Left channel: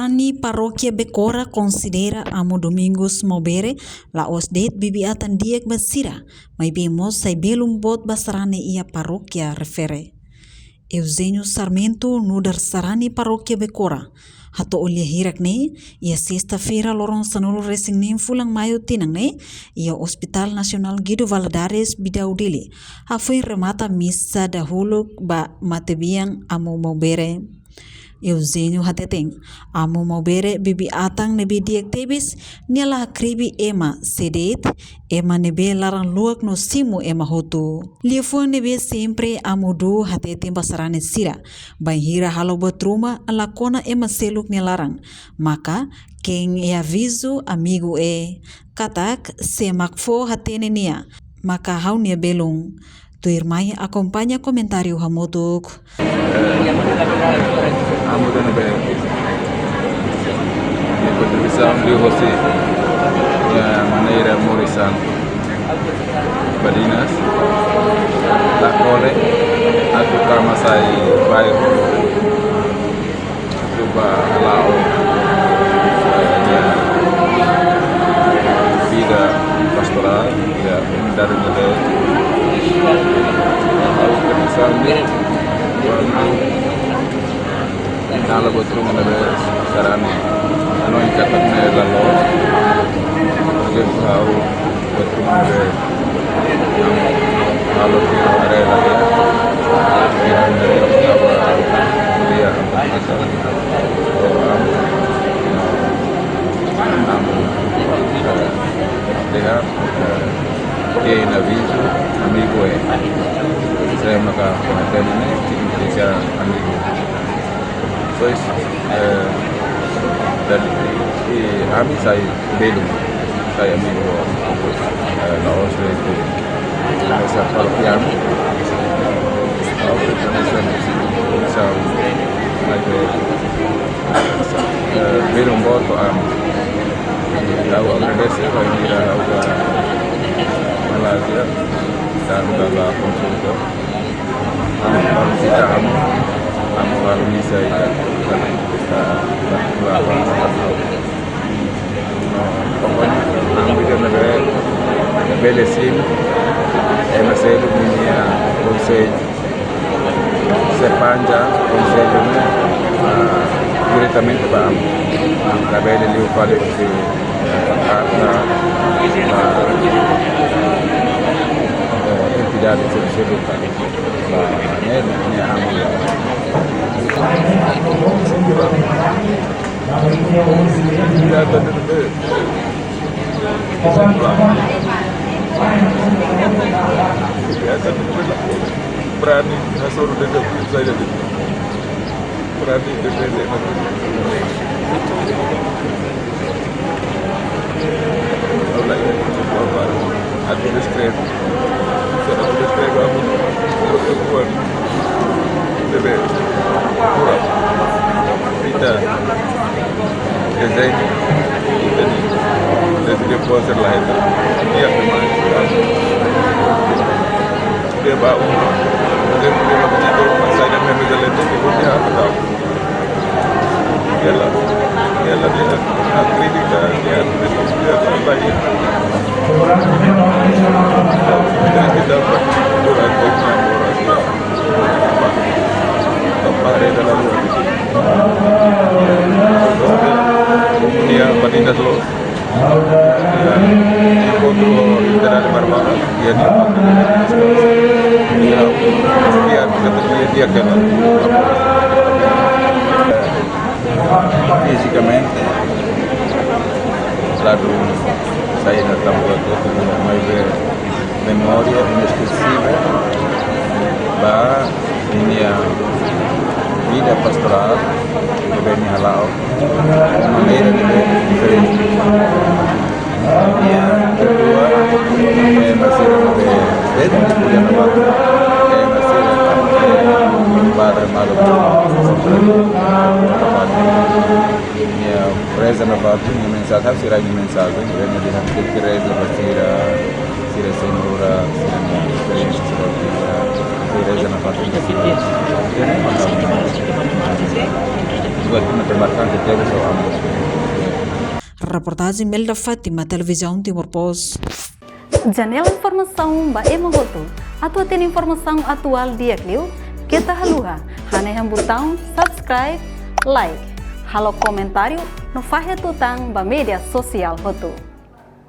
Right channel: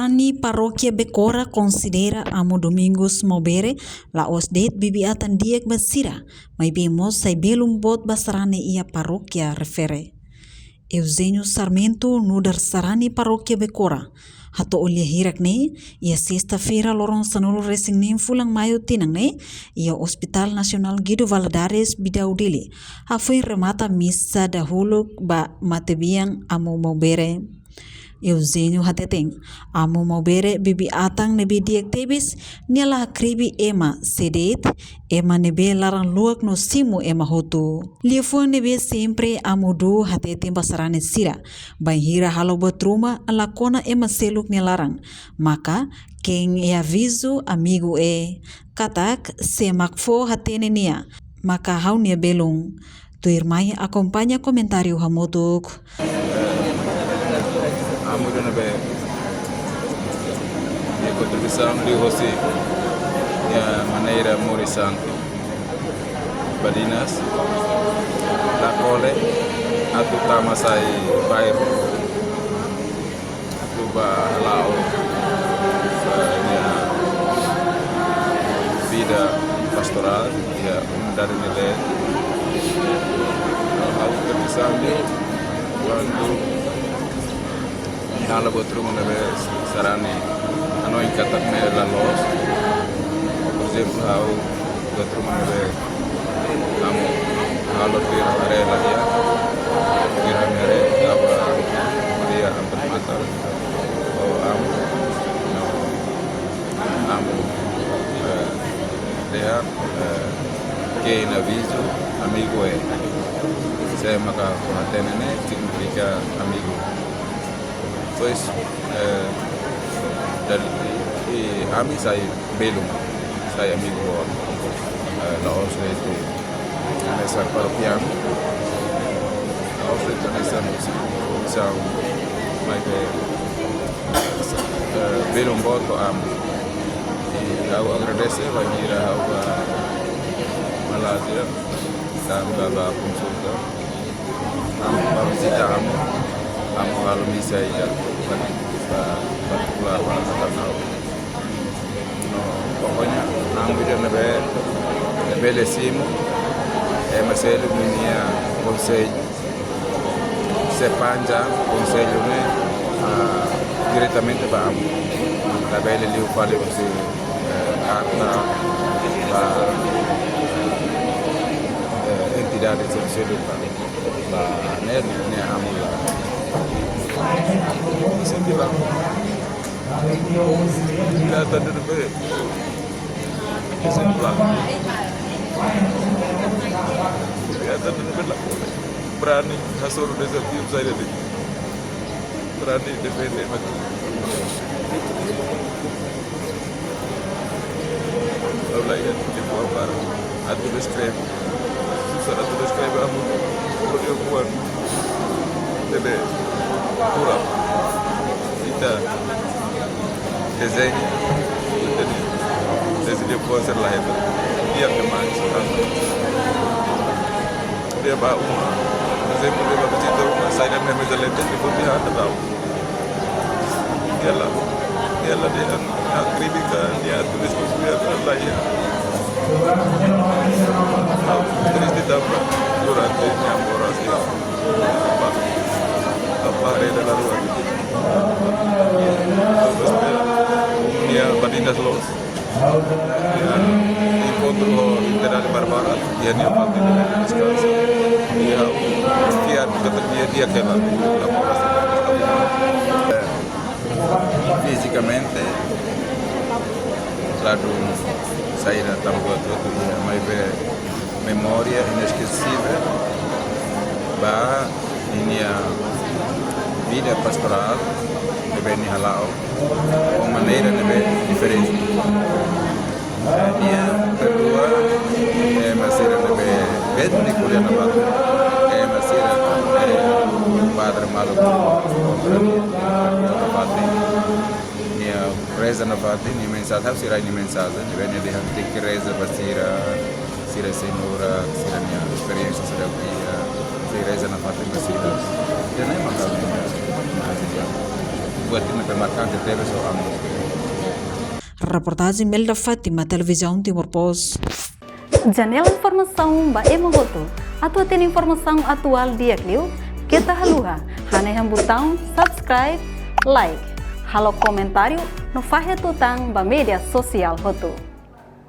Sarani Paróquia Becora considera amo Domingos Mobere la os det bibiatan diek basira, mai bemos sai belum bot basarane ia paróquia refere. Eusênio Sarmento nudar Sarani Paróquia Becora. Hato olha hirak ne, ia sexta-feira lorong sanulu resing fulang maio tinang ne, ia Hospital Nasional Guido Valadares bidau dele. Hafui remata missa dahulu ba matebiang amo Mobere. Eusênio hateteng, amo Mobere bibi atang nebe diek tebis, niala kribi ema sedet, ema nebe larang luak no simu ema hotu. Liefun nebe sempre amo du hateteng basarane sira, hira halo batruma ala kona ema seluk nelarang, maka keng e aviso amigo katak se makfo hatene nia, maka hau nia belung. Tu irmai acompanha comentário hamotuk. De você de maneira Morissan Balinas a cole a tocar masai vai coba lao vida pastoral ya dari model kalau betul model sarane noi katanya galos de tahu betul kalau dia ada lagi dia que en aviso amigo saya maka konten ini significa amigo pues dan kami saya belum saya amigo laos lesbi saya parkian belum buat am jauh agresif ini malah dan bangga konsultan harus tidak kamu harus bisa Belesim, MSL punya konsel sepanja konselnya diretamente para a bela ali o vale você entidade de berani masuk dekat saya lebih berani dekat ada diskret sudah diskret kamu buat dekat kita desain jadi dia puas lain dia dia bau dia punya macam masa dia main jalan tu dia tahu dia lah kritik dia dia lagi dia tidak apa dia dalam dia Balinas los literal barbaro dia dia que fisicamente lalu saya datang ke mulai memória inesquecível lá minha vida pastoral bem halal de maneira diferente minha kedua masih beda Padre Malo minha reza na fábrica minha mensagem será minha mensagem venha de ter que reza sira senhora sira minha experiência sira reza na fábrica buat menebarkan berita soal ambus. Reportagem Melda Fatima, Televisão Timor Pos. Janela informação ba emohoto. Atau tem informação atual dia kliu, kita haluha. Hane botão subscribe, like. Halo comentário no fahe tutang ba media sosial hoto.